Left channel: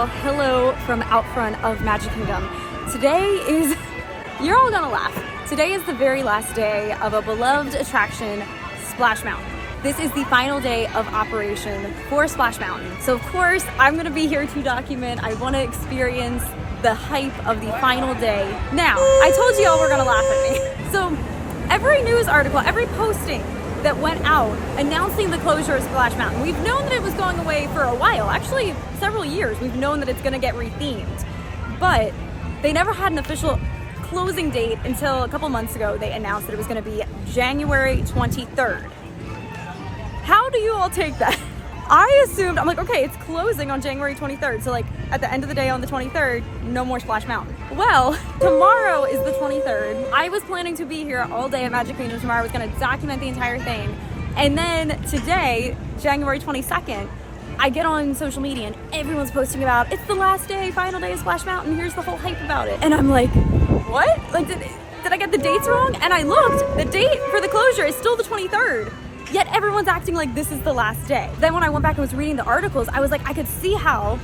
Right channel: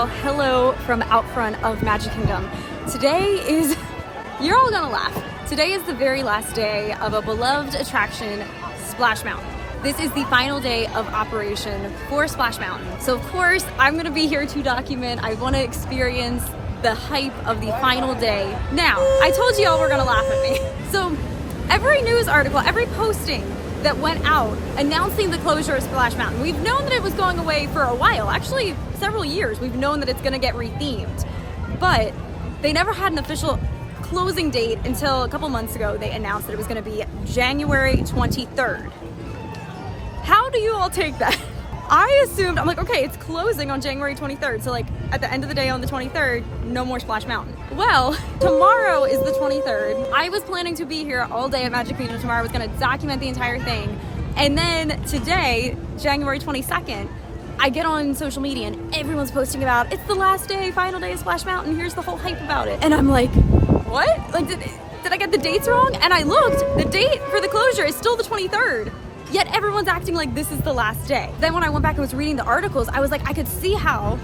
Well, hello from out front of Magic Kingdom. Today is, you're all gonna laugh. Today is the very last day of a beloved attraction, Splash Mountain. This is the final day of operation for Splash Mountain. So of course, I'm gonna be here to document. I wanna experience the hype of the final day. Now, I told you all were gonna laugh at me. So every news article, every posting that went out announcing the closure of Splash Mountain, we've known that it was going away for a while, actually several years. We've known that it's gonna get rethemed, but they never had an official closing date until a couple months ago. They announced that it was gonna be January 23rd. How do you all take that? I assumed, I'm like, okay, it's closing on January 23rd. So like at the end of the day on the 23rd, no more Splash Mountain. Well, tomorrow is the 23rd. I was planning to be here all day at Magic Kingdom tomorrow. I was gonna document the entire thing. And then today, January 22nd, I get on social media and everyone's posting about, it's the last day, final day of Splash Mountain. Here's the whole hype about it. And I'm like, what? Like, did I get the dates wrong? And I looked, the date for the closure is still the 23rd. Yet everyone's acting like this is the last day. Then when I went back and was reading the articles, I was like, I could see how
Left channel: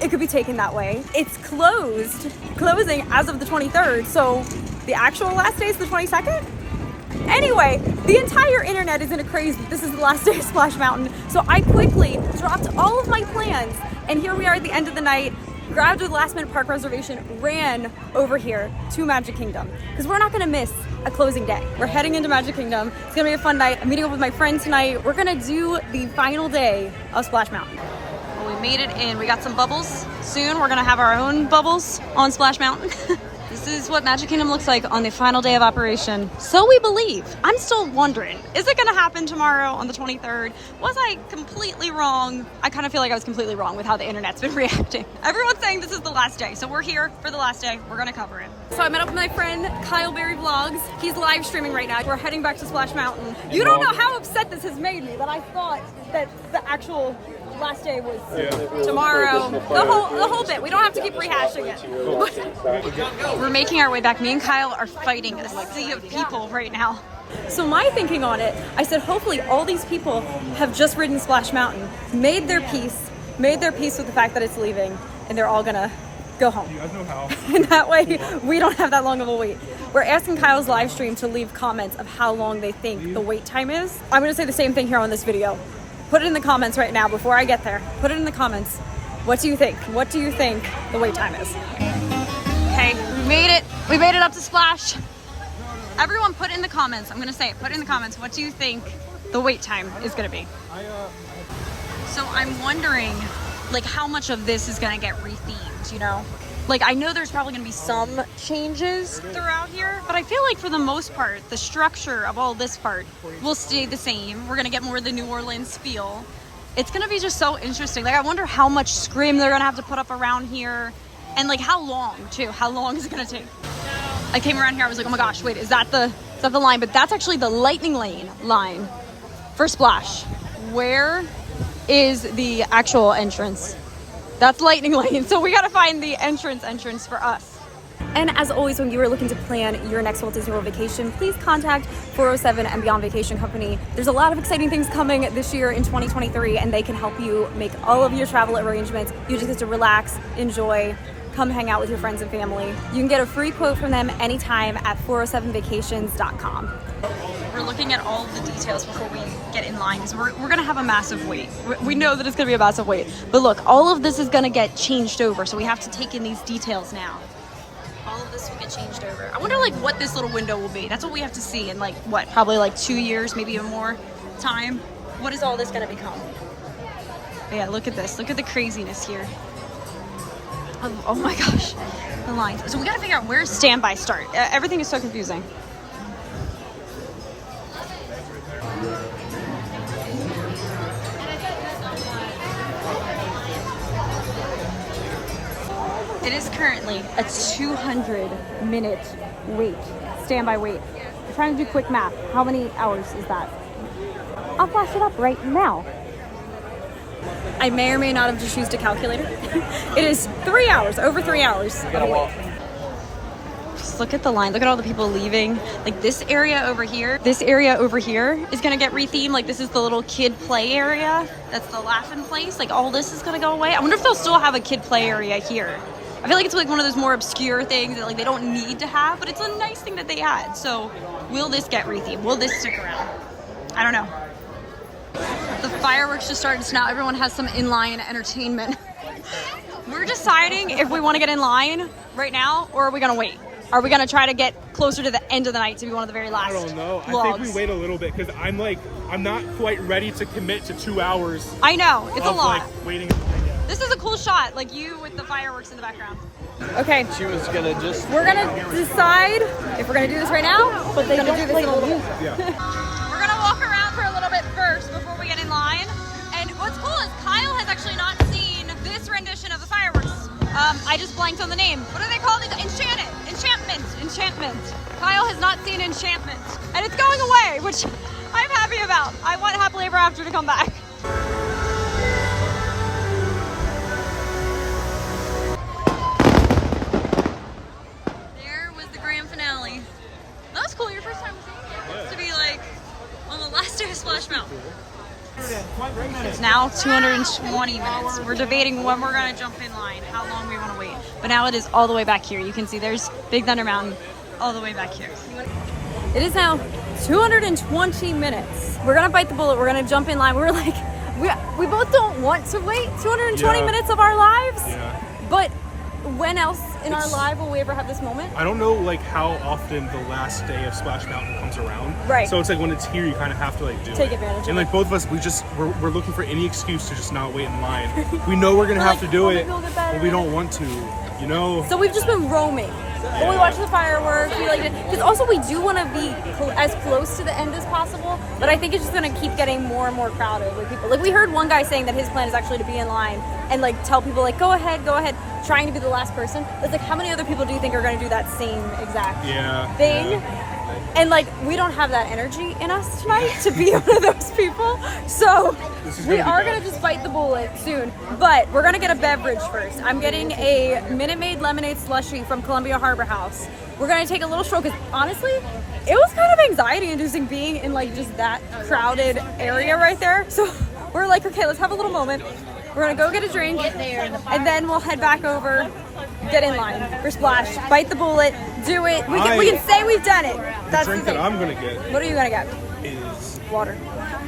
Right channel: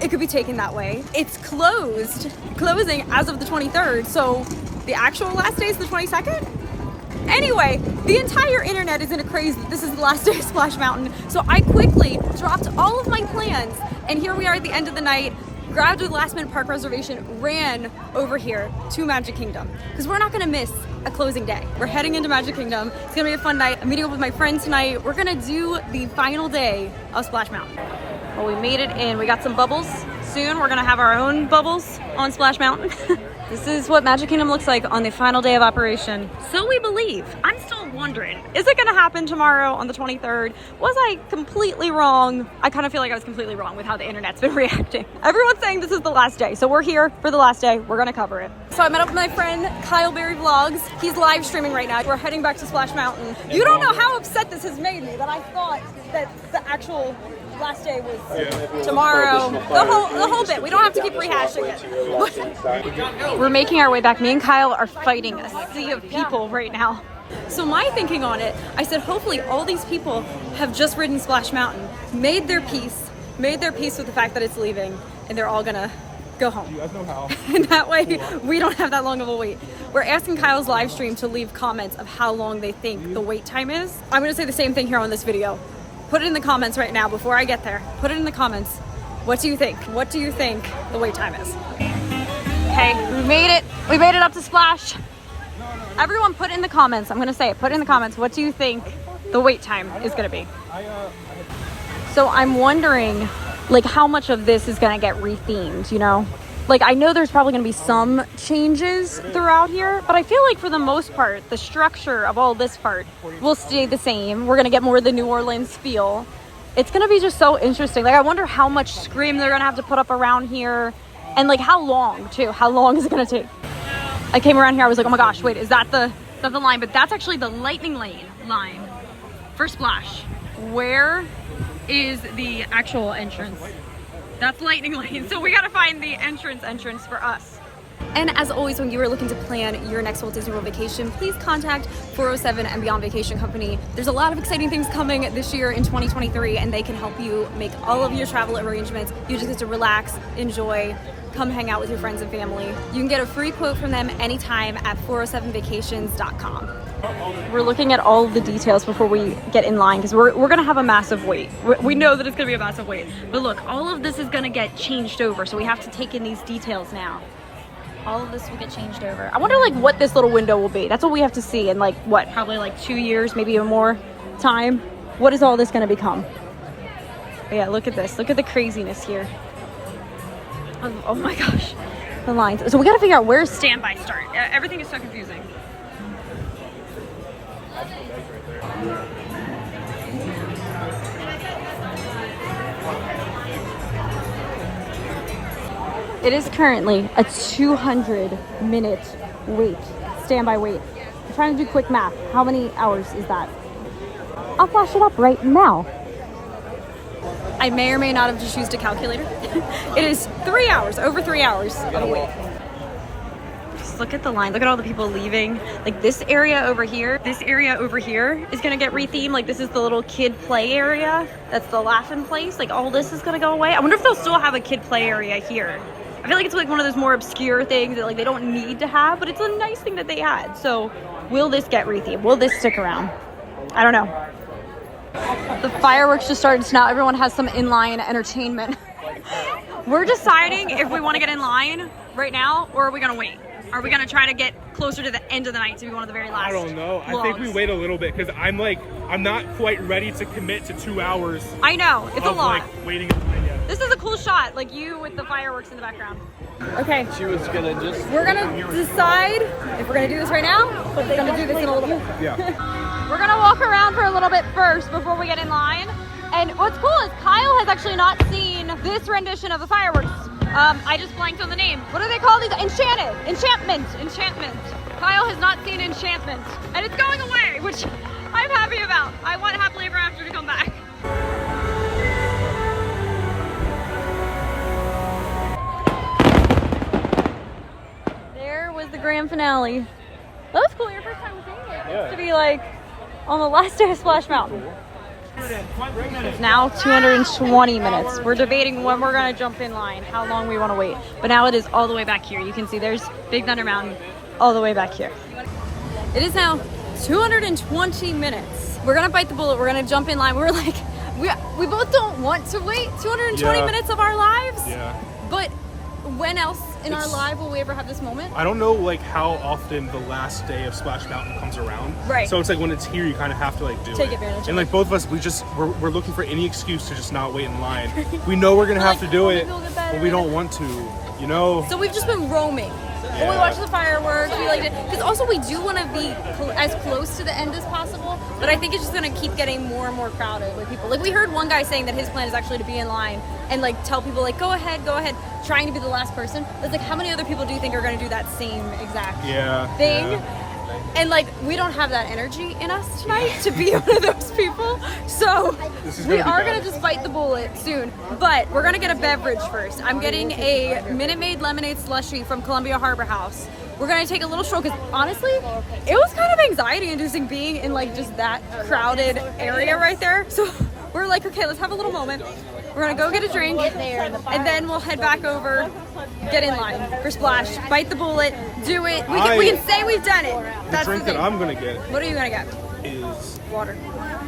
it could be taken that way. It's closing as of the 23rd. So the actual last day is the 22nd? Anyway, the entire internet is in a craze that this is the last day of Splash Mountain. So I quickly dropped all of my plans. And here we are at the end of the night, grabbed a last minute park reservation, ran over here to Magic Kingdom. Because we're not gonna miss a closing day. We're heading into Magic Kingdom. It's gonna be a fun night. I'm meeting up with my friend tonight. We're gonna do the final day of Splash Mountain. Well, we made it in. We got some bubbles. Soon we're gonna have our own bubbles on Splash Mountain. This is what Magic Kingdom looks like on the final day of operation. So we believe. I'm still wondering, is it gonna happen tomorrow on the 23rd? Was I completely wrong? I kind of feel like I was completely wrong with how the internet's been reacting. Everyone's saying this is the last day. So we're here for the last day. We're gonna cover it. So I met up with my friend, Kyle Berry Vlogs. He's live streaming right now. We're heading back to Splash Mountain. You don't know how upset this has made me that I thought that the actual last day was tomorrow. The whole bit. We don't have to keep rehashing it. We're making our way back. Me and Kyle are fighting a sea of people right now. So my thinking on it, I said hopefully all these people have just ridden Splash Mountain, made their peace with the fact that it's leaving, and they're all gonna go home. And that way we don't have that long of a wait. We're asking Kyle's live stream to leave comments of how long they think the wait time is. I'm gonna say the same thing here on this video. Put it in the comments right now before I get there. Put it in the comments. What do you think? What do you think the wait time is? Okay, we made it. We made it up to Splash. Everyone put in the comments. I'm gonna say it. Put in the comments. What do you think the wait time is gonna be? So I'm wondering, like, how much of this is gonna get rethemed, you know? Like, I know there's probably gonna be some changes throughout here, but I feel like for the most part, the structure of all this part will stay the same. We're gonna get more of the New Orleans feel. It's gonna be just so interesting. Like, I wonder how much scrim they're gonna have to put up around here, and like how long too. How long is it gonna take? I came around here, I was like, oh my gosh, wait, is that the line? But that's actually the lightning lane line for Splash. Where is the actual entrance? That's lightning lane. So we gotta find the entrance for us. And as always, when you are looking to plan your next Walt Disney World vacation, please contact 407 and Beyond Vacation Company. There's a lot of exciting things coming this year in 2023, and they can help you make all of your travel arrangements. You just get to relax, enjoy, come hang out with your friends and family. You can get a free quote from them anytime at 407vacations.com. We're looking at all of the details before we get in line because we're gonna have a massive wait. We know that it's gonna be a massive wait. But look, all of this is gonna get changed over, so we have to take in these details now. All of this will get changed over. I wonder like what this little window will be. That's what we have to see in like, what, probably like 2 years, maybe even more time. What is all this gonna become? But yeah, look at this. Look at the craziness here. Oh my gosh, the lines. So we gotta figure out where's standby start. Everything is so confusing. It is currently a 200-minute wait, standby wait. I'm trying to do quick math. How many hours is that? I'll flash it up right now. I may or may not have just used a calculator. It is 3 hours, over 3 hours of a wait. just look at the line. Look at all the people leaving. Like this area over here is gonna get rethemed. Like this is the little kid play area. That's the laughing place. Like all this is gonna go away. I wonder if they'll still have a kid play area here. I feel like it's like one of those more obscure things that like they don't need to have, but it's a nice thing that they had. So will this get rethemed? Will this stick around? I don't know. The fireworks just started, so now everyone has some inline entertainment. We're deciding if we want to get in line right now or are we gonna wait? Are we gonna try to get closer to the end of the night to be one of the very last? I don't know. vlogs? I think we wait a little bit because I'm not quite ready to commit to 2 hours. I know, it's a lot. Like, waiting in line yet. This is a cool shot, like you with the fireworks in the background. Okay. She was gonna just... We're gonna decide if we're gonna do this right now, but we're gonna do this in a little bit. Yeah. We're gonna walk around for a little bit first before we get in line. And what's cool is Kyle has actually not seen this rendition of the fireworks. I just blanked on the name. What do they call these? Enchantment. Kyle has not seen Enchantment. And it's going away, which I'm happy about. I want Happily Ever After to come back. There was the grand finale. That was cool, your first time seeing it. It's to be like on the last day of Splash Mountain. It's now 220 minutes. We're debating when we're gonna jump in line, how long we wanna wait. But now it is all the way back here. You can see there's Big Thunder Mountain all the way back here. It is now 220 minutes. We're gonna bite the bullet, we're gonna jump in line. We're like, we both don't want to wait 220 minutes of our lives. Yeah. But when else in our life will we ever have this moment? I don't know like how often the last day of Splash Mountain comes around. Right. So it's like when it's here, you kind of have to like Take advantage of And like both of us, we're looking for any excuse to just not wait in line. We know we're gonna have to do it, but we don't want to, you know? So we've just been roaming. But we watch the fireworks, we like it. Because also we do want to be as close to the end as possible, but I think it's just going to keep getting more and more crowded with people. Like we heard one guy saying that his plan is actually to be in line and like tell people like, go ahead, trying to be the last person. It's like, how many other people do you think are going to do that same exact thing? Yeah. And like, we don't have that energy in us tonight to be one of those people. So we are gonna just bite the bullet soon, but we're gonna get a beverage first. I'm getting a Minute Maid lemonade slushie from Columbia Harbor House. We're gonna take a little stroll because honestly, it was kind of anxiety inducing being in like just that crowded area right there. So we're like, okay, let's have a little moment. We're gonna go get a drink and then we'll head back over, get in line for Splash, bite the bullet, do it. We can say we've done it. The drink that I'm gonna get. What are you gonna get? Is water.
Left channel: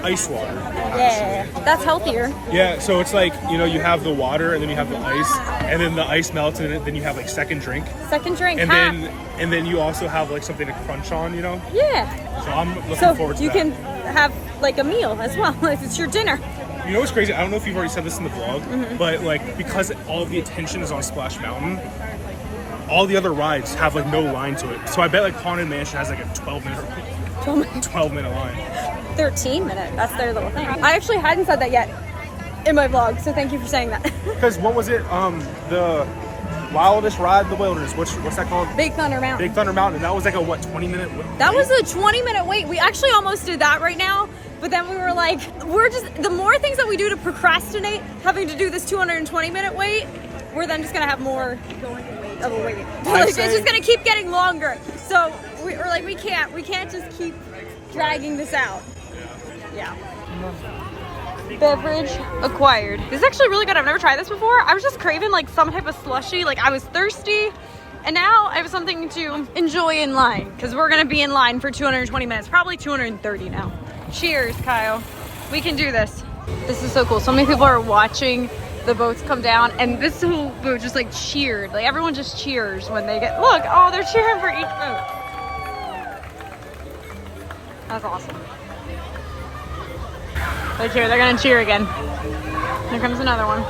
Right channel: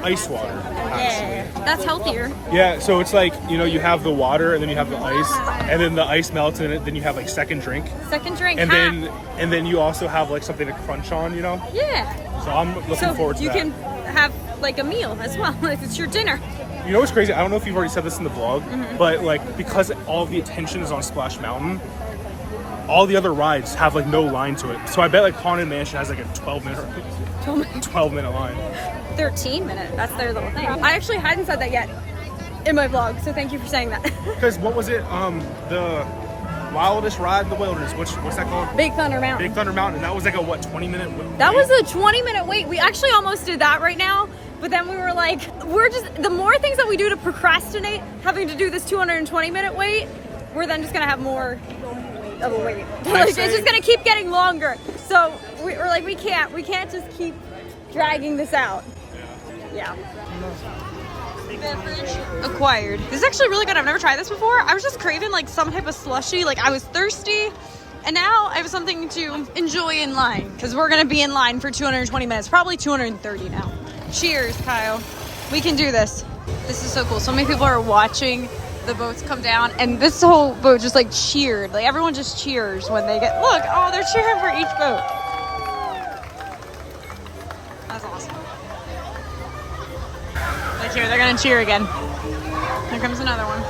Ice water. Yeah, that's healthier. Yeah, so it's like, you know, you have the water and then you have the ice, and then the ice melts in it, then you have like second drink. Second drink. And then you also have like something to crunch on, you know? Yeah. So I'm looking forward to that. So you can have like a meal as well, if it's your dinner. You know what's crazy? I don't know if you've already said this in the vlog, but like because all the attention is on Splash Mountain, all the other rides have like no line to it. So I bet like Haunted Mansion has like a 12-minute line. 13-minute. That's their little thing. I actually hadn't said that yet in my vlog, so thank you for saying that. Because what was it? The wildest ride in the wilderness. What's that called? Big Thunder Mountain. Big Thunder Mountain. That was like a 20-minute wait? That was a 20-minute wait. We actually almost did that right now. But then we were like, the more things that we do to procrastinate having to do this 220-minute wait, we're then just gonna have more of a wait. Like, it's just gonna keep getting longer. So we're like, we can't just keep dragging this out. Yeah. Beverage acquired. This is actually really good. I've never tried this before. I was just craving like some type of slushie. Like I was thirsty. And now I have something to enjoy in line because we're gonna be in line for 220 minutes, probably 230 now. Cheers, Kyle. We can do this. This is so cool. So many people are watching the boats come down and this whole boat just like cheered. Like everyone just cheers when they get, look, oh, they're cheering for each boat. That's awesome. They cheer, they're gonna cheer again. Here comes another one.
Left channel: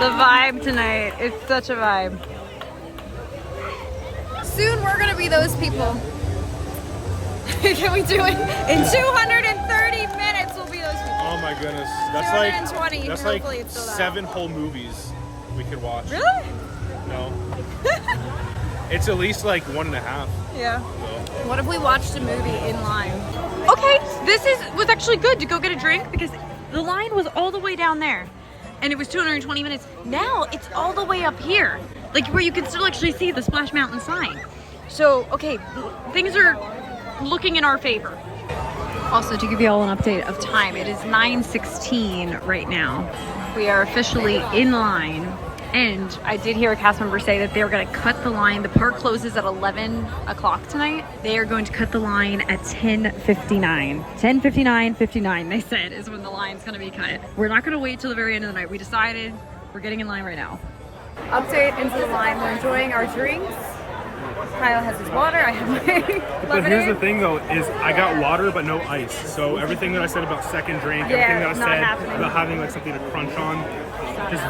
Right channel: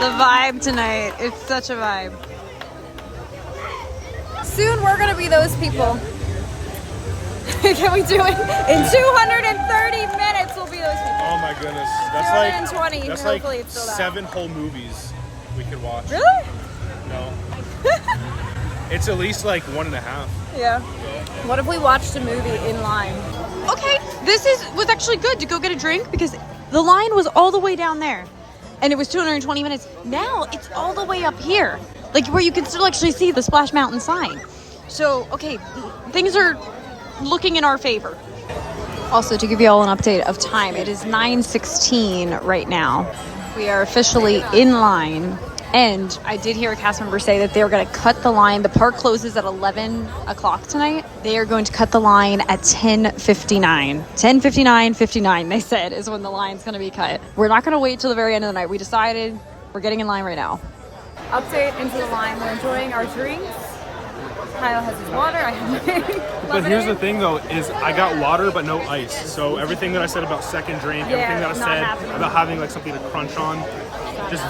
The vibe tonight, it's such a vibe. Soon we're gonna be those people. Can we do it? In 230 minutes we'll be those people. Oh my goodness. That's 220, that's hopefully like it's still that. 7 whole movies we could watch. Really? No. It's at least like 1.5. Yeah. What if we watched a movie in line? Okay, was actually good to go get a drink because the line was all the way down there. and it was 220 minutes. Now it's all the way up here, like where you can still actually see the Splash Mountain sign. So, okay, things are looking in our favor. Also, to give you all an update of time, it is 9:16 right now. We are officially in line. And I did hear a cast member say that they're going to cut the line. The park closes at 11 o'clock tonight. They are going to cut the line at 10:59. 10:59, they said, is when the line's going to be cut. We're not going to wait till the very end of the night. We decided we're getting in line right now. Update into the line. We're enjoying our drinks. Kyle has his water. I have my lemonade. But here's the thing, though, is I got water but no ice. So everything that I said about second drink, everything that I said about having like something to crunch on, just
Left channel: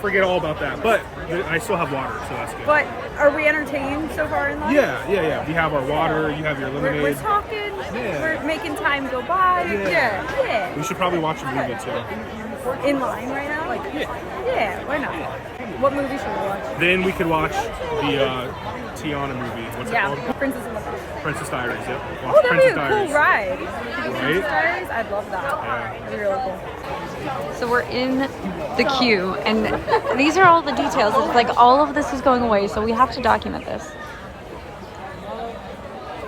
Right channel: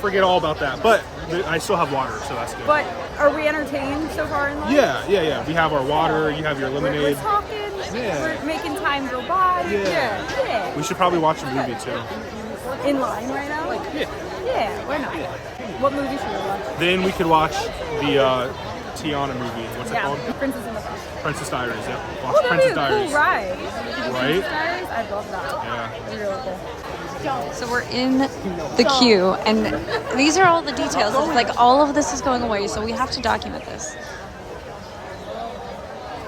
forget all about that. But I still have water, so that's good. But are we entertained so far in line? Yeah. We have our water. You have your lemonade. We're talking. Yeah. We're making time go by. Yeah. We should probably watch a movie too. In line right now? Yeah, why not? What movie should we watch? Then we could watch the Tiana movie. What's it called? Princess and the Frog. Princess Diaries, yep. Watch Oh, that'd Princess be a Diaries. cool ride. Right? Princess Diaries? I'd love that. Yeah. That'd be really cool. So we're in the queue, and these are all the details. It's like all of this is going away, so we have to document this.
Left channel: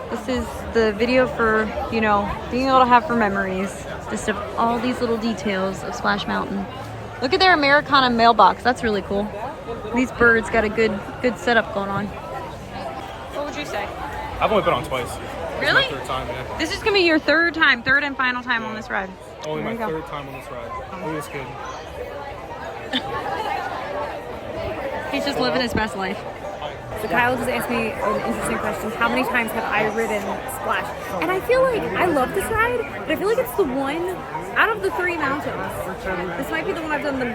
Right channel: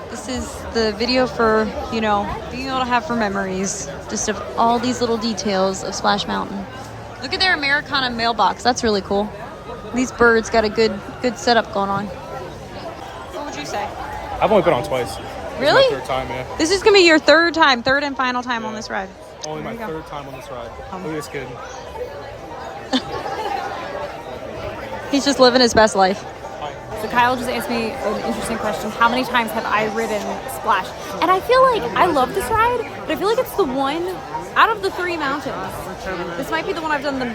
This is the video for, you know, being able to have for memories, just of all these little details of Splash Mountain. Look at their Americana mailbox. That's really cool. These birds got a good setup going on. What would you say? I've only been on twice. Really? This is my third time, yeah. This is gonna be your third and final time on this ride. Only my third time on this ride. Look at this kid. He's just living his best life. So Kyle just asked me an interesting question. How many times have I ridden Splash? And I feel like I love this ride, but I feel like it's the one out of the 3 mountains. This might be the one I've done the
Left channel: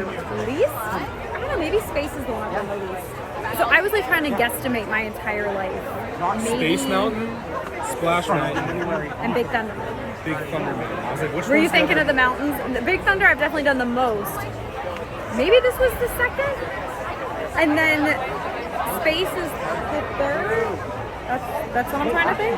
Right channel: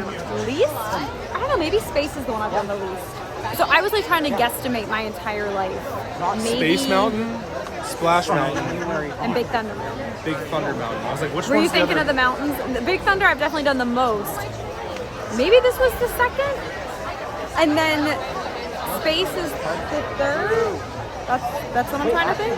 least. I don't know, maybe Space is the one I've done the least. So I was like trying to guesstimate my entire life. Maybe Space Mountain, Splash Mountain, and Big Thunder Mountain. Big Thunder Mountain. I was like, which Were you one's the thinking other? of the mountains? The Big Thunder I've definitely done the most. Maybe this was the second? And then Space is the third? That's what I'm trying to think.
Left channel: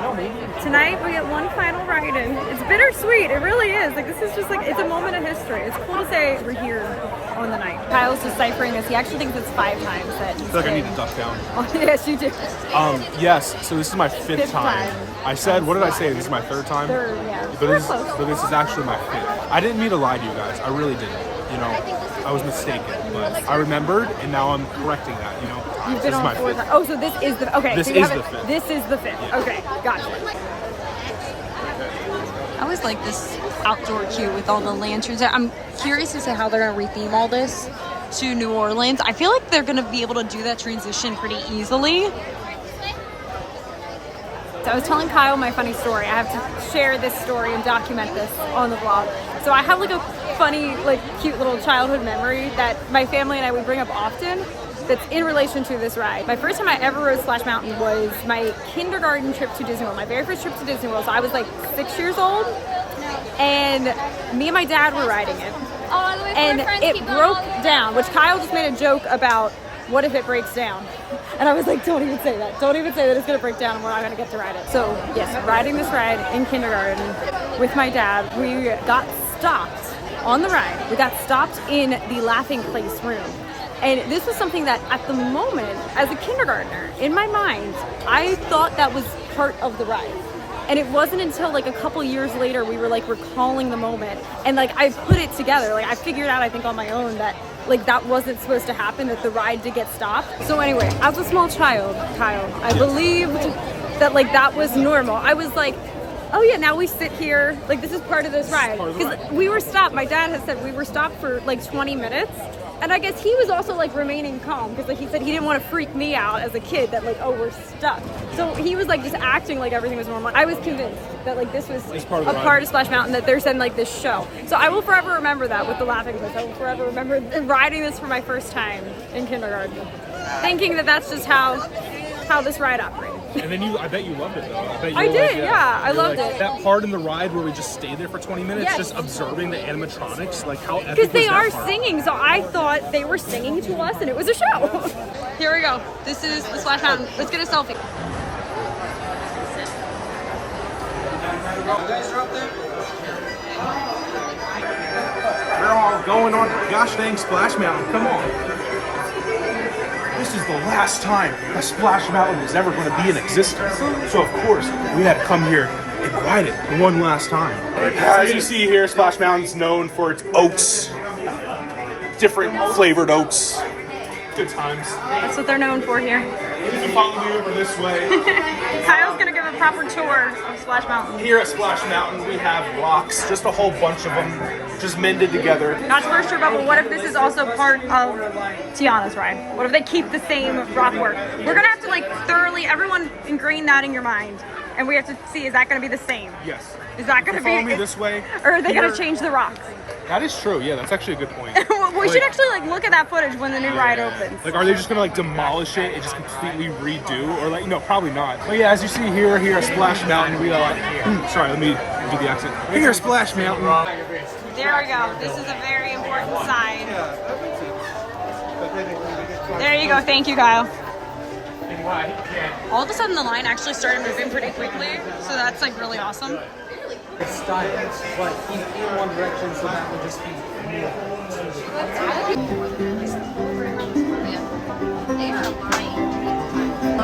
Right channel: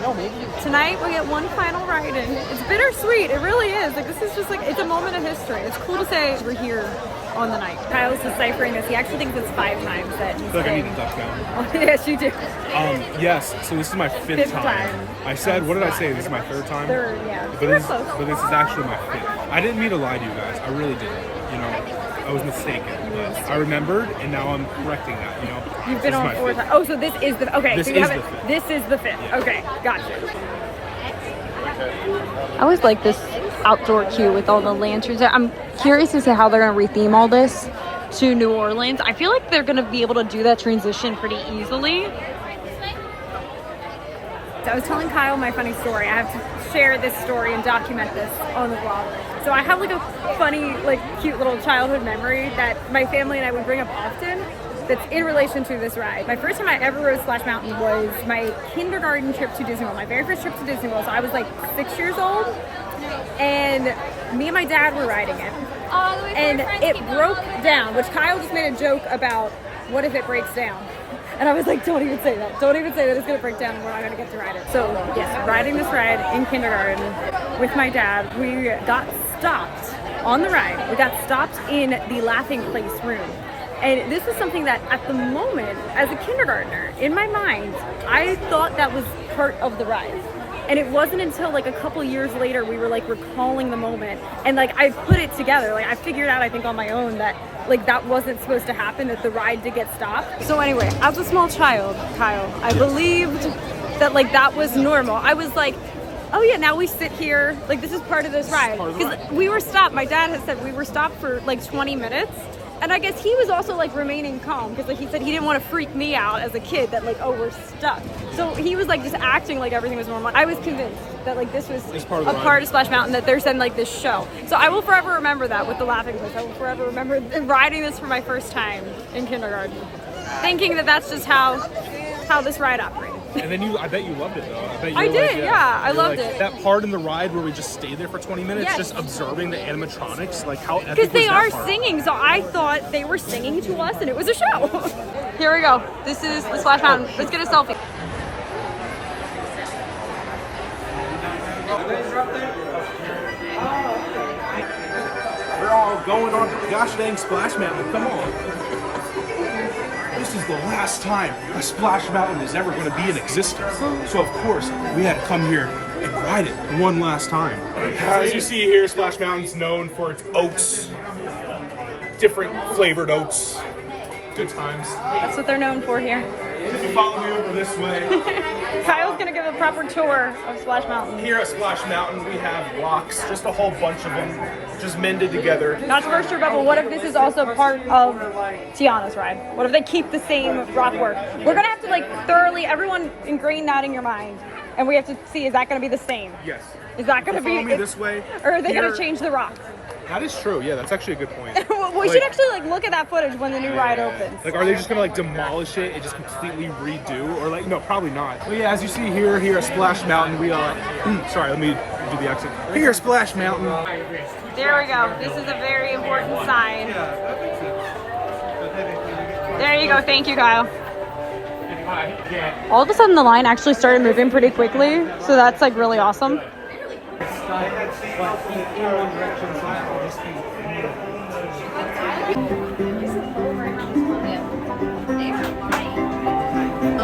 Tonight we get one final ride in. It's bittersweet. It really is. Like, this is just like, it's a moment of history. It's cool to say we're here on the night. Kyle's deciphering this. He actually thinks it's 5 times that he's I feel like I need to duck down. Oh, yes, you do. Yes, so this is my fifth time. I said, what did I say? This is my third time? Third, yeah. But We're this, close. but this is actually my 5th. I didn't mean to lie to you guys. I really didn't. You know, I was mistaken. But I remembered, and now I'm correcting that, you know? You've been on 4 times. Oh, so this is the, okay. This so you is have the it. 5th. This is the 5th. Yeah. Okay, gotcha. I always like this outdoor queue with all the lanterns. I'm curious as to how they're going to retheme all this to New Orleans. I feel like they're going to be able to do that transition pretty easily. So I was telling Kyle my funny story. I have to share this story and document this on the vlog. So I have like a funny, like cute little childhood memory that my family and I would bring up often that's in relation to this ride. My first time I ever rode Splash Mountain was my kindergarten trip to Disney World, my very first trip to Disney World. So I was like 6 years old, and me and my dad were riding it. And it broke down, which Kyle just made a joke about, what if it breaks down? And I was like, don't even say that. Don't even say that it's gonna break down and we're not gonna get to ride it. So yes, riding this ride in kindergarten with my dad, we got stopped on the ride. We got stopped in the laughing place room. And this was something that at the moment, as a kindergartner, in my mind, I thought that was part of the ride. And it wasn't until like a couple years later we were like recalling the moment, and like I put it together. Like I figured out, I think on my own, that like that wasn't supposed to happen, that the ride did get stopped. So anyway, as a small child, Kyle, I believed that like that was normal. I was like, oh yeah, now we sit here, like this is part of this ride. Because we were stopped, my dad had said we were stopped for like 20 minutes. And I guess he was also like remaining calm, because like he said he didn't want to freak me out as a kid that like, oh, we're stuck. So he was like just acting like everything was normal. I was convinced that like this was a part of Splash Mountain, that they're sending like this show. So I will forever remember that with the laughing place. I will forever remember riding this for my first time in kindergarten, thinking that that's just how this ride operated. And then I bet you loved it though. I did, yeah. I loved it. That part in the ride where we just stayed there for 20 minutes, Yes. just observing the animatronics, like how epic Because they was that are part? singing, so I thought they were singing to us and it was a show. Here we go. This is the Splash Mountain. Let's get a selfie. You guys are up there? We're all going on gosh dang Splash Mountain. Come on. This is the last time a Splash Mountain is ever going to be in existence. So of course, we had to come here and ride it one last time. As you see here, Splash Mountain's known for its oats. Different flavored oats. Good times. That's what they're known for here. You can follow me over this way. Kyle's gonna give a proper tour of Splash Mountain. Here at Splash Mountain, we have rocks, just a whole bunch of them, just mended together. Not to burst your bubble, what if this is also part of Tiana's ride? What if they keep the same rock work? We're gonna have to like thoroughly, everyone ingrain that in your mind. And we have to see, is that gonna be the same? Yes. Is that gonna be, follow me this way? Or are they Here- gonna change the rocks? That is true. Yeah, that's actually a good point. We should actually like look at that footage when the new ride opens. Like, are they just gonna like demolish it and just completely redo, or like, no, probably not. But yeah, as you see here at Splash Mountain, we sorry, let me do the accent. Here at Splash Mountain. There we go. This is a very important sign. There you go. Thank you, Kyle. All of a sudden, the line actually started moving pretty quickly, so that's like really awesome.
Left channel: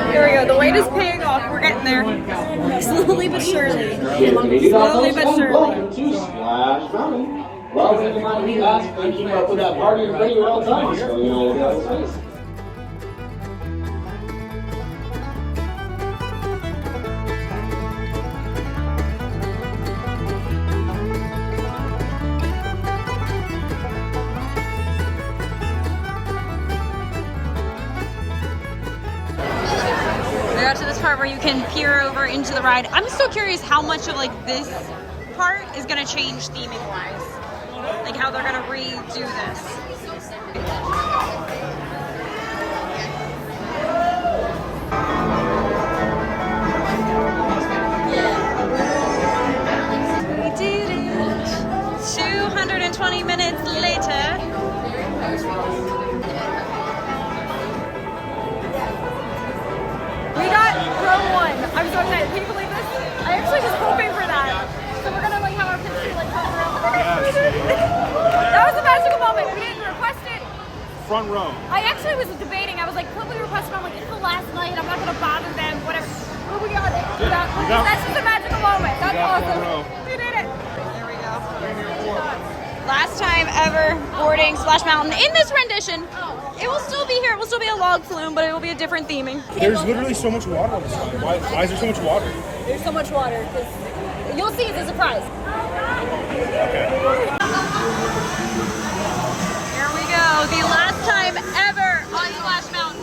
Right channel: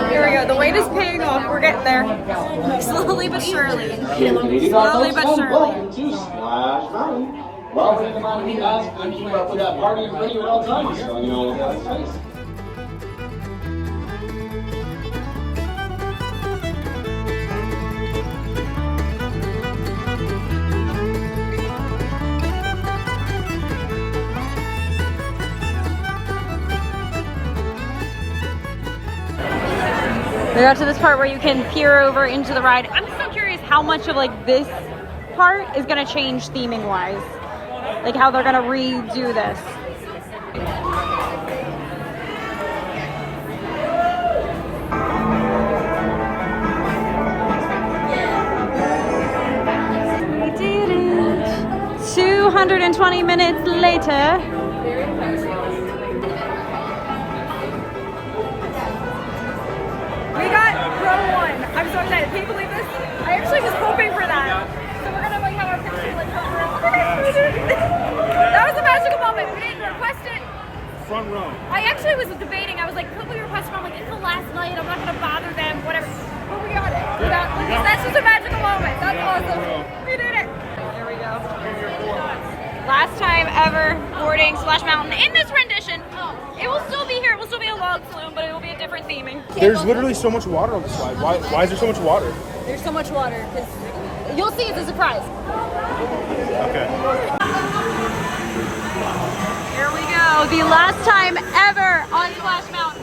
Here we go. The wait is paying off. We're getting there. Slowly but surely. Slowly but surely. Well, keep in mind, we ask and keep up with that party and ready at all times. So, you know, that's nice. We got to this part where you can peer over into the ride. I'm still curious how much of like this part is gonna change theming wise. Like how they're gonna redo this. We did it! 220 minutes later. We got row one. I'm so excited. Can you believe this? I actually was hoping for that. So we're gonna like have our picture like front row. Oh my gosh, we did it. That was a magical moment. We didn't request it. Front row. I actually was debating. I was like, could we request it? I'm like, it's the last night. I'm not gonna bother them. Whatever. But we got it. Yeah, That's just a magical moment. That's awesome. row. We did it. There we go. Last time ever boarding Splash Mountain in this rendition. It will still be here. It will still be a log flume, but it will be a different theming. There's literally so much water on this slide. Why is there so much water? There's so much water because you'll see it's a surprise. Okay. Here we go. The last time ever on Splash Mountain.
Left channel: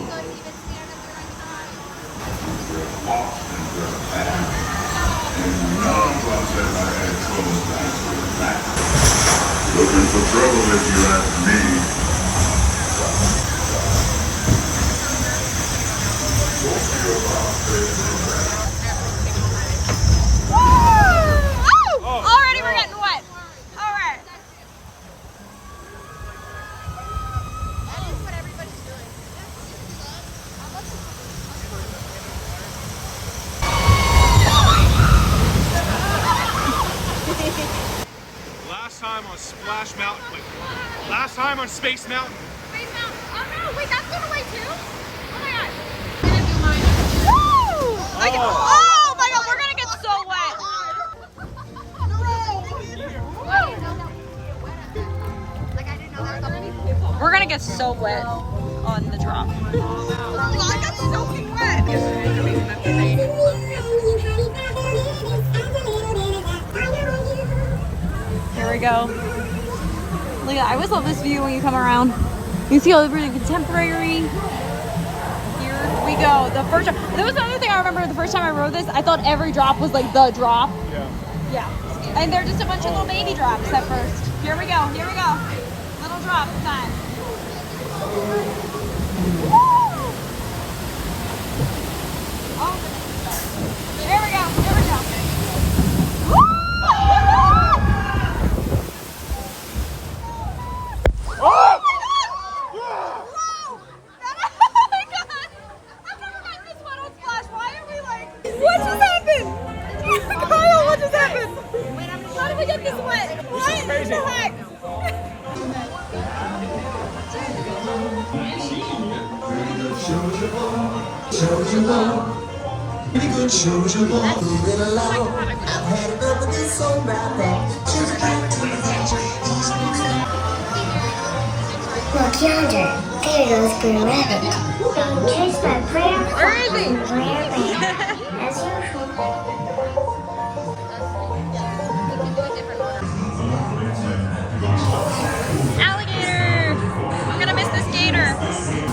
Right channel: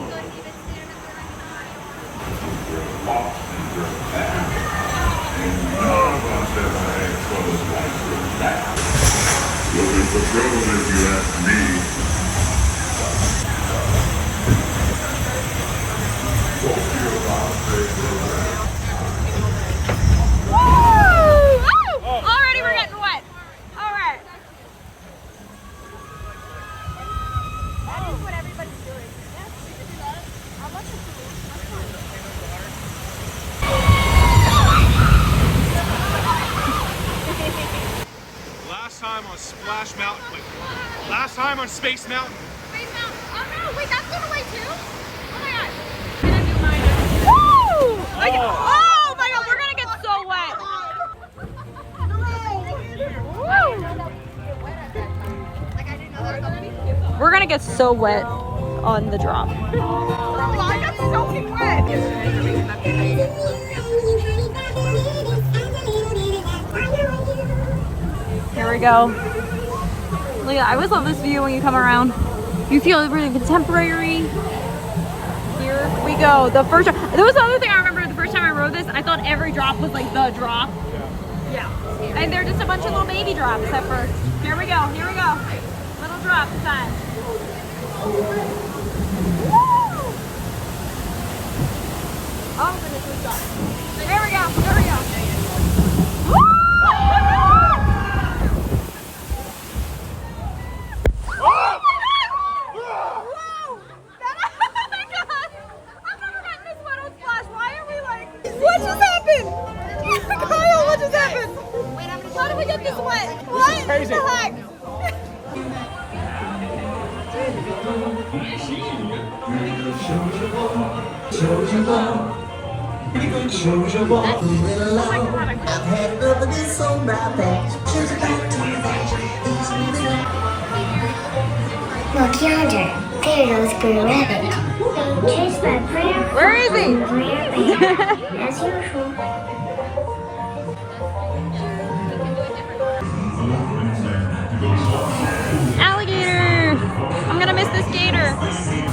Looking for trouble if you ask me. Woo! Oh! Already we're getting wet. All right. Last time on Splash Mountain. Wait, last time on Space Mountain. Space Mountain. Oh no, wait, that's going away too? Oh my god. I'm gonna do mine. Woo! Like, oh my god, we're gonna get so wet. Woo! We're gonna get so wet on the drop. Here we go. Look, I always love this view when you come around. You see all the really contemporary. Here we go. The first, that was the other thing I remember the first time I rode this. I thought every drop was like the drop. Yeah. And they're just a bunch of little baby drops at first. Here we go. Here we go. Little drop time. Woo! Oh goodness, this sucks. There we go. There we go. Woo! What just happened? Kyle, what just happened? How did we get this wet? What the heck? Look yonder. There goes Green Rabbit. Being chased by Brer Fox and Brer Bear. As usual. Alligator! I'm gonna miss this gator.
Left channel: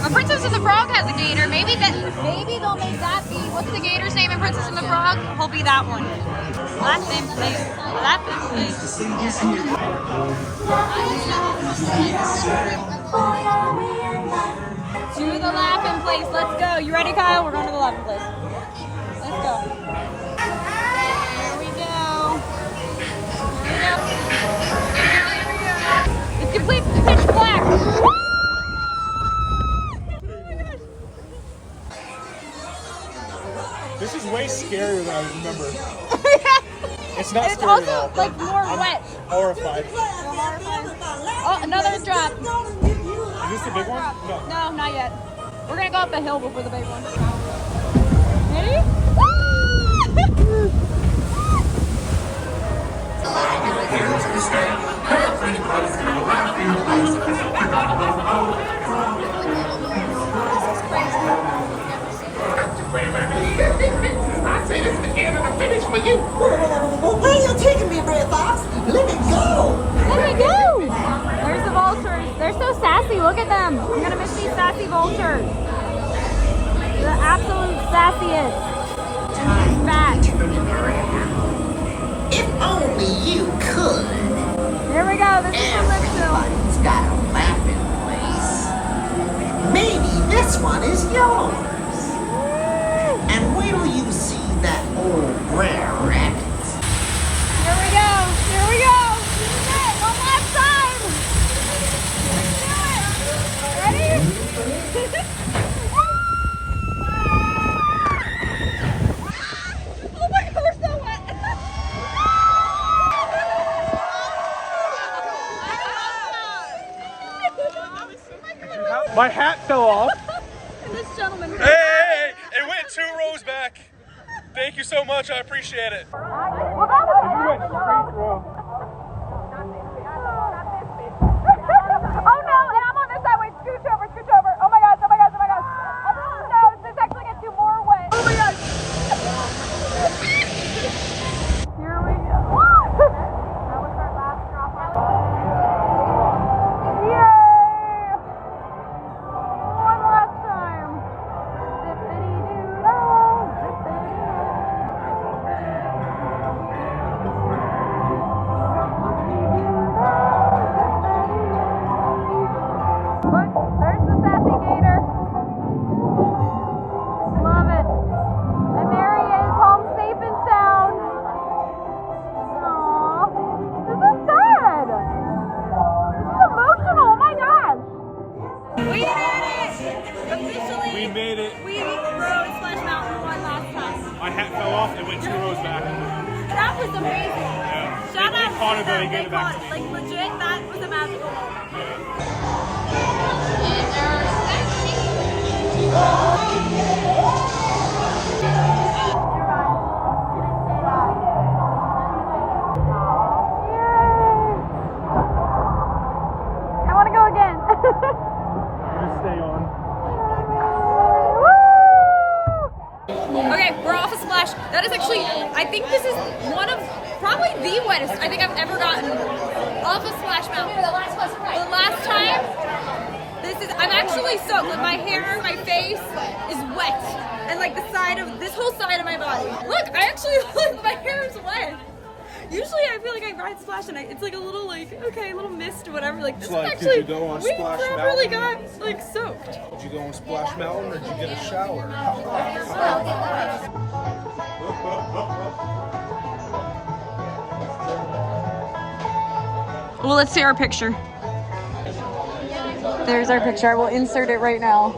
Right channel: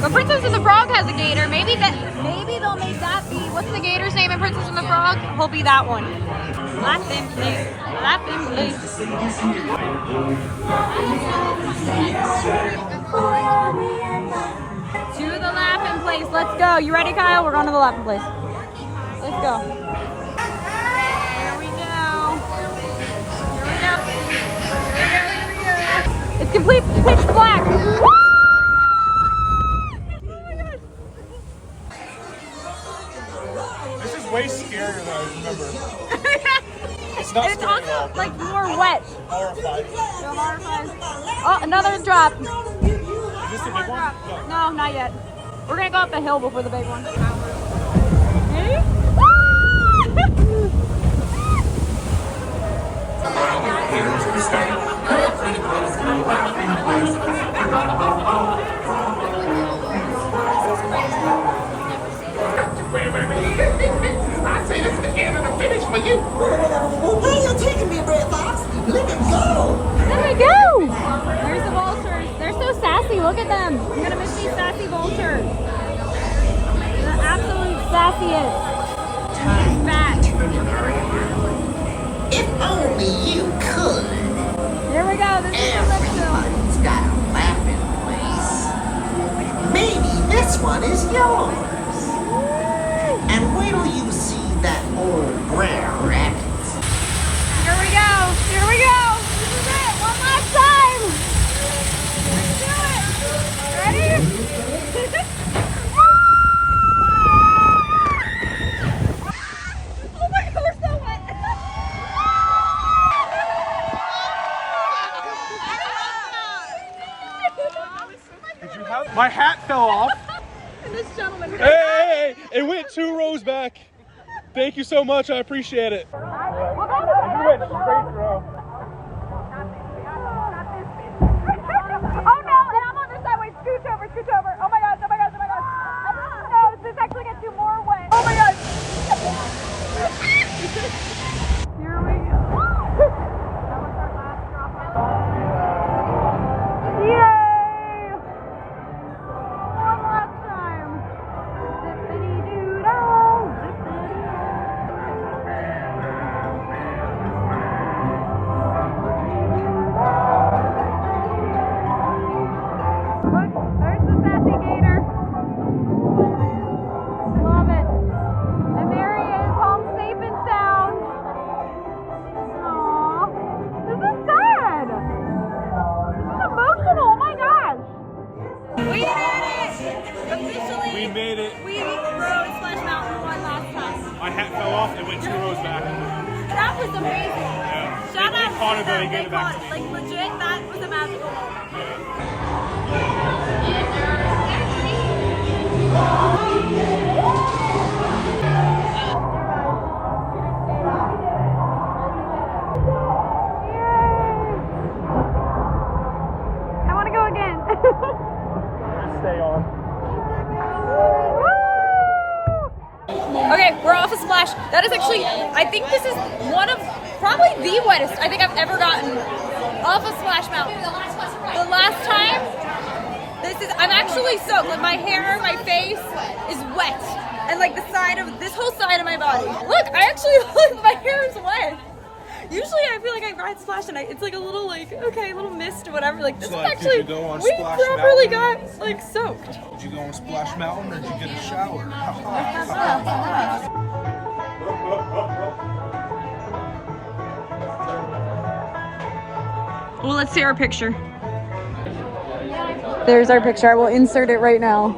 But Princess and the Frog has a gator. Maybe they'll make that be. What's the gator's name in Princess and the Frog? He'll be that one. Laughing place. Laughing place. To the laughing place. Let's go. You ready, Kyle? We're going to the laughing place. Let's go. Here we go. It's complete pitch black. This is way scarier than I remember. It's not And it's also like more wet. horrified. So horrified. Oh, another drop. Is this the big one? No, not yet. We're gonna go up the hill before the big one. Ready? I say this is the end of the finish for you. Where are you taking me, Red Fox? Let me go. Let me go! There's the vultures. They're so sassy. Look at them. I'm gonna miss these sassy vultures. The absolute sassiest. Fat. If only you could. Here we go. This is the Elixir. Everybody's got a laughing place. Maybe this one is yours. And wait till you see that old Brer Rabbit. Here we go. Here we go. This is it. One last time. Let's do it. Ready? Oh my God, we're so wet. My hat fell off. And this gentleman. Hey! It went 2 rows back. Thank you so much. I appreciate it. We'll go You went straight through. Oh no, and I'm on this side. Wait, scooch over, scooch over. Oh my gosh, oh my gosh, oh my gosh. Everyone knows this actually gets you more wet. Oh my gosh. Here we go. That was our last drop off. Yay! One last time. Zippity-doo-dah, Look, there's the sassy gator. Love it. And there he is, home safe and sound. Aww. This is sad. This is emotional. Oh my gosh. We did it! Officially. We made it. We rode Splash Mountain one last time. My hat fell off and went 2 rows back. That was amazing. Yeah. Shout out They caught to it, but them. they gave it back to me. Like legit, that was a magical moment. I want to go again. Stay on. Okay, we're off a splash. That is actually, I think this is one of probably the wettest I think I've ever gotten off a Splash Mountain. The last time, I'm actually soaked. Like my hair, my face is wet. And like the side of, this whole side of my body. Look, I actually, like my hair is wet. Usually I feel like I ride Splash and it's like a little like, okay, a little mist or whatever. Like this is Like, actually, did you go on we Splash properly Mountain? got like soaked. Did you go on Splash Mountain or did you get a shower? Well, let's see our picture. There's our picture. I will insert it right now.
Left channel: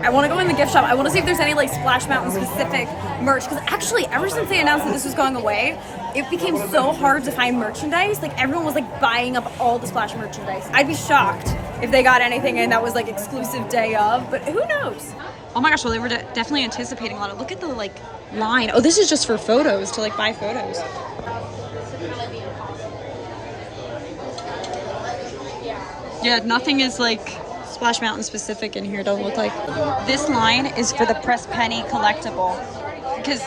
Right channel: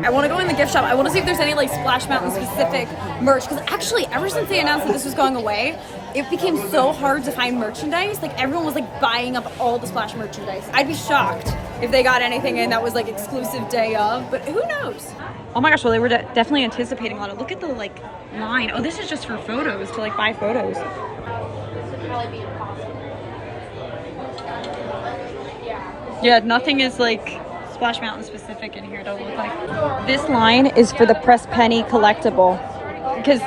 I want to go in the gift shop. I want to see if there's any like Splash Mountain specific merch. Because actually, ever since they announced that this was going away, it became so hard to find merchandise. Like everyone was like buying up all the Splash merchandise. I'd be shocked if they got anything in that was like exclusive day of, but who knows? Oh my gosh, well, they were definitely anticipating a lot of, look at the like line. Oh, this is just for photos, to like buy photos. Yeah, nothing is like Splash Mountain specific in here, doesn't look like. This line is for the pressed penny collectible because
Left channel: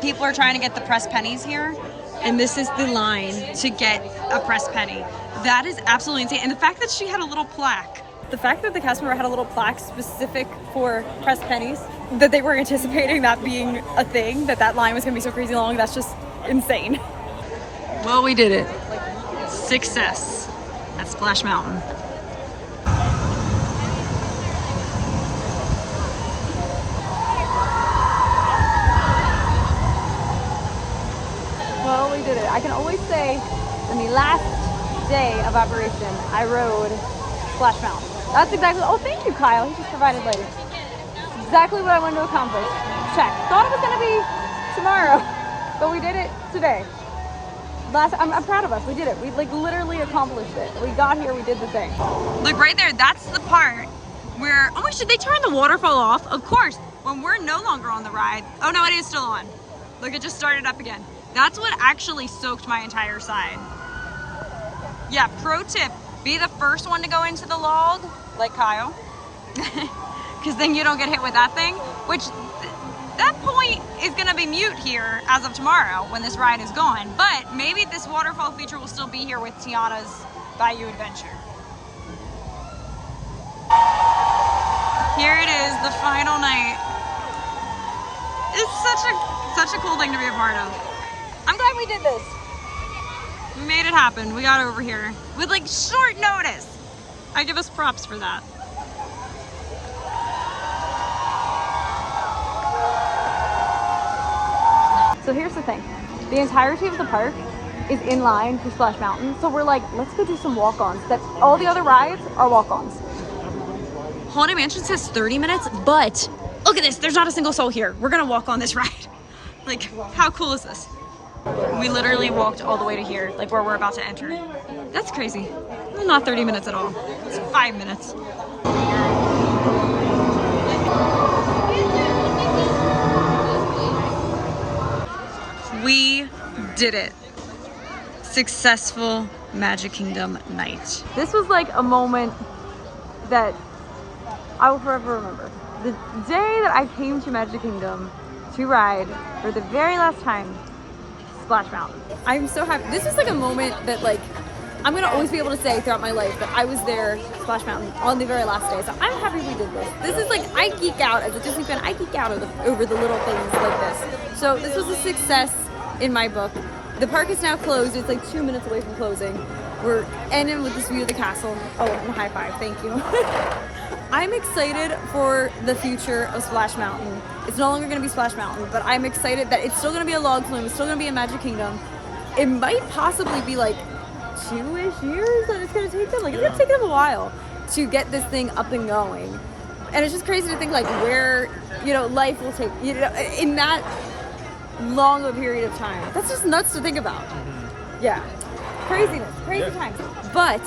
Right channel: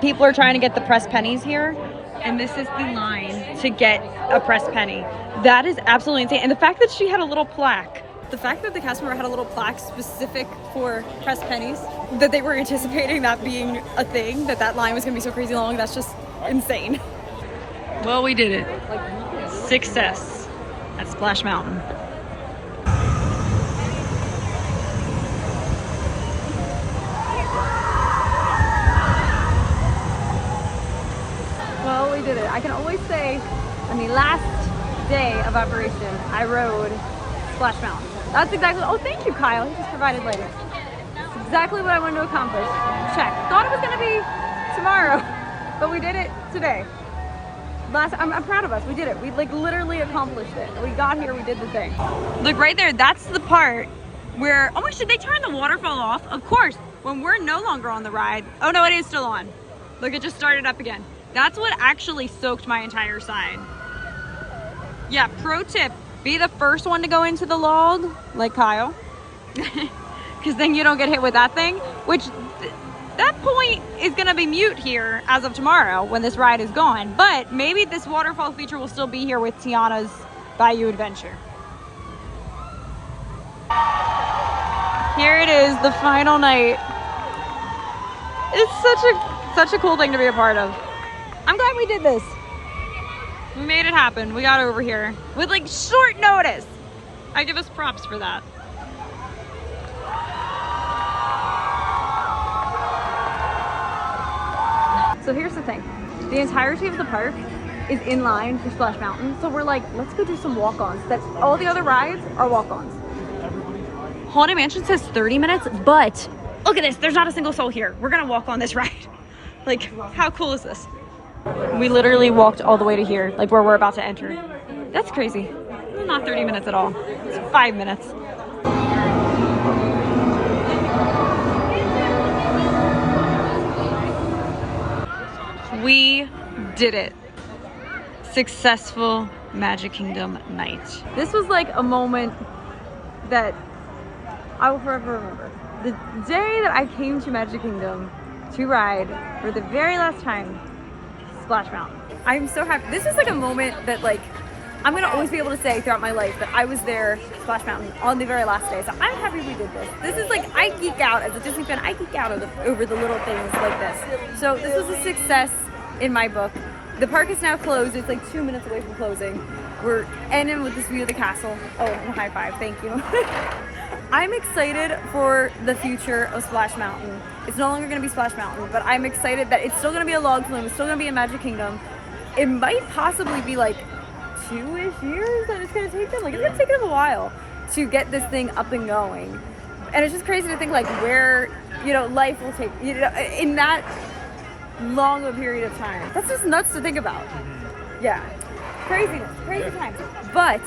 people are trying to get the pressed pennies here, and this is the line to get a pressed penny. That is absolutely insane. And the fact that she had a little plaque, the fact that the cast member had a little plaque specific for pressed pennies, that they were anticipating that being a thing, that line was gonna be so crazy long, that's just insane. Well, we did it. Success at Splash Mountain. Well, we did it. I can always say on the last day of operation, I rode Splash Mountain. That's exactly, oh, thank you, Kyle. He just provided lighting. Exactly what I wanted to accomplish. Check. Thought it was gonna be tomorrow, but we did it today. I'm proud of us. We did it. We like literally accomplished it. We got here, we did the thing. Look right there, that's the part where, oh my gosh, did they turn the waterfall off? Of course, when we're no longer on the ride. Oh no, it is still on. Look, it just started up again. That's what actually soaked my entire side. Yeah, pro tip, be the first one to go into the log, like Kyle, because then you don't get hit with that thing, which that point is gonna be mute here as of tomorrow when this ride is gone, but maybe this waterfall feature will still be here with Tiana's Bayou adventure. Here it is, the final night. It's such a cool thing to be a part of. I'm glad we did this. We made it happen. We got over here with like short notice. I give us props for that. So here's the thing. The entirety of the park is in line to Splash Mountain. So we're like, let's go do some walk-ons. That all the other rides are walk-ons. Haunted Mansion says 30 minutes, but look at this. There's not a single soul here. We're gonna walk on this ride. Like, how cool is this? We literally walked all the way to here, like where we're about to enter. That's crazy. Not 30 minutes at all. It's 5 minutes. We did it. Successful Magic Kingdom night. This was like a moment that I will forever remember. The day that I came to Magic Kingdom to ride for the very last time Splash Mountain. I'm so happy. This is like a moment that like I'm gonna always be able to say throughout my life that I was there, Splash Mountain, on the very last day. So I'm happy we did this. This is like, I geek out as a Disney fan. I geek out over the little things like this. So this was a success in my book. The park is now closed. It's like 2 minutes away from closing. We're ending with this view of the castle. Oh, and a high five. Thank you. I'm excited for the future of Splash Mountain. It's no longer going to be Splash Mountain, but I'm excited that it's still going to be a log flume. It's still going to be a Magic Kingdom. It might possibly be like 2-ish years that it's going to take them. Like, it's going to take them a while to get this thing up and going. And it's just crazy to think like where, you know, life will take, you know, in that long of a period of time. That's just nuts to think about. Yeah. Craziness. Crazy times. But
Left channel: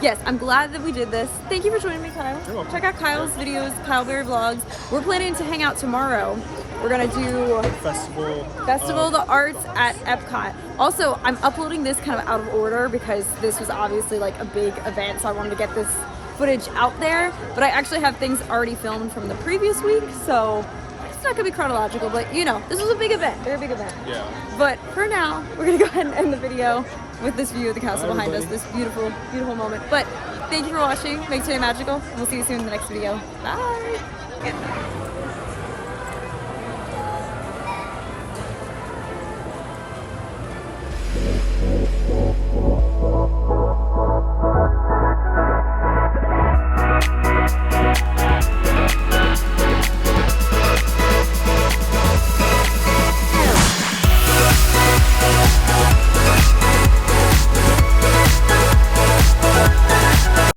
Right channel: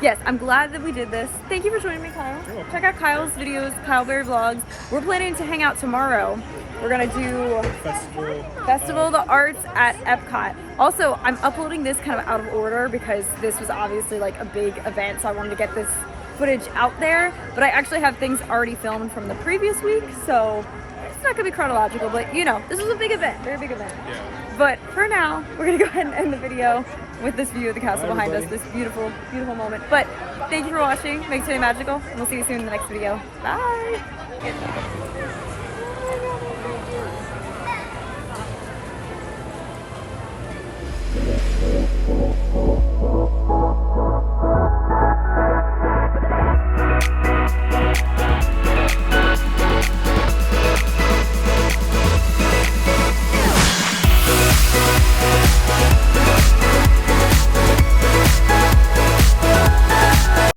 yes, I'm glad that we did this. Thank you for joining me, Kyle. You're welcome. Check out Kyle's videos, Kyle Berry Vlogs. We're planning to hang out tomorrow. We're gonna do Festival of the Arts at Epcot. Also, I'm uploading this kind of out of order because this was obviously like a big event, so I wanted to get this footage out there. But I actually have things already filmed from the previous week, so it's not gonna be chronological, but you know, this was a big event, very big event. Yeah. But for now, we're gonna go ahead and end the video with this view of the castle behind us, this beautiful, beautiful moment. But thank you for watching. Make today magical, and we'll see you soon in the next video. Bye.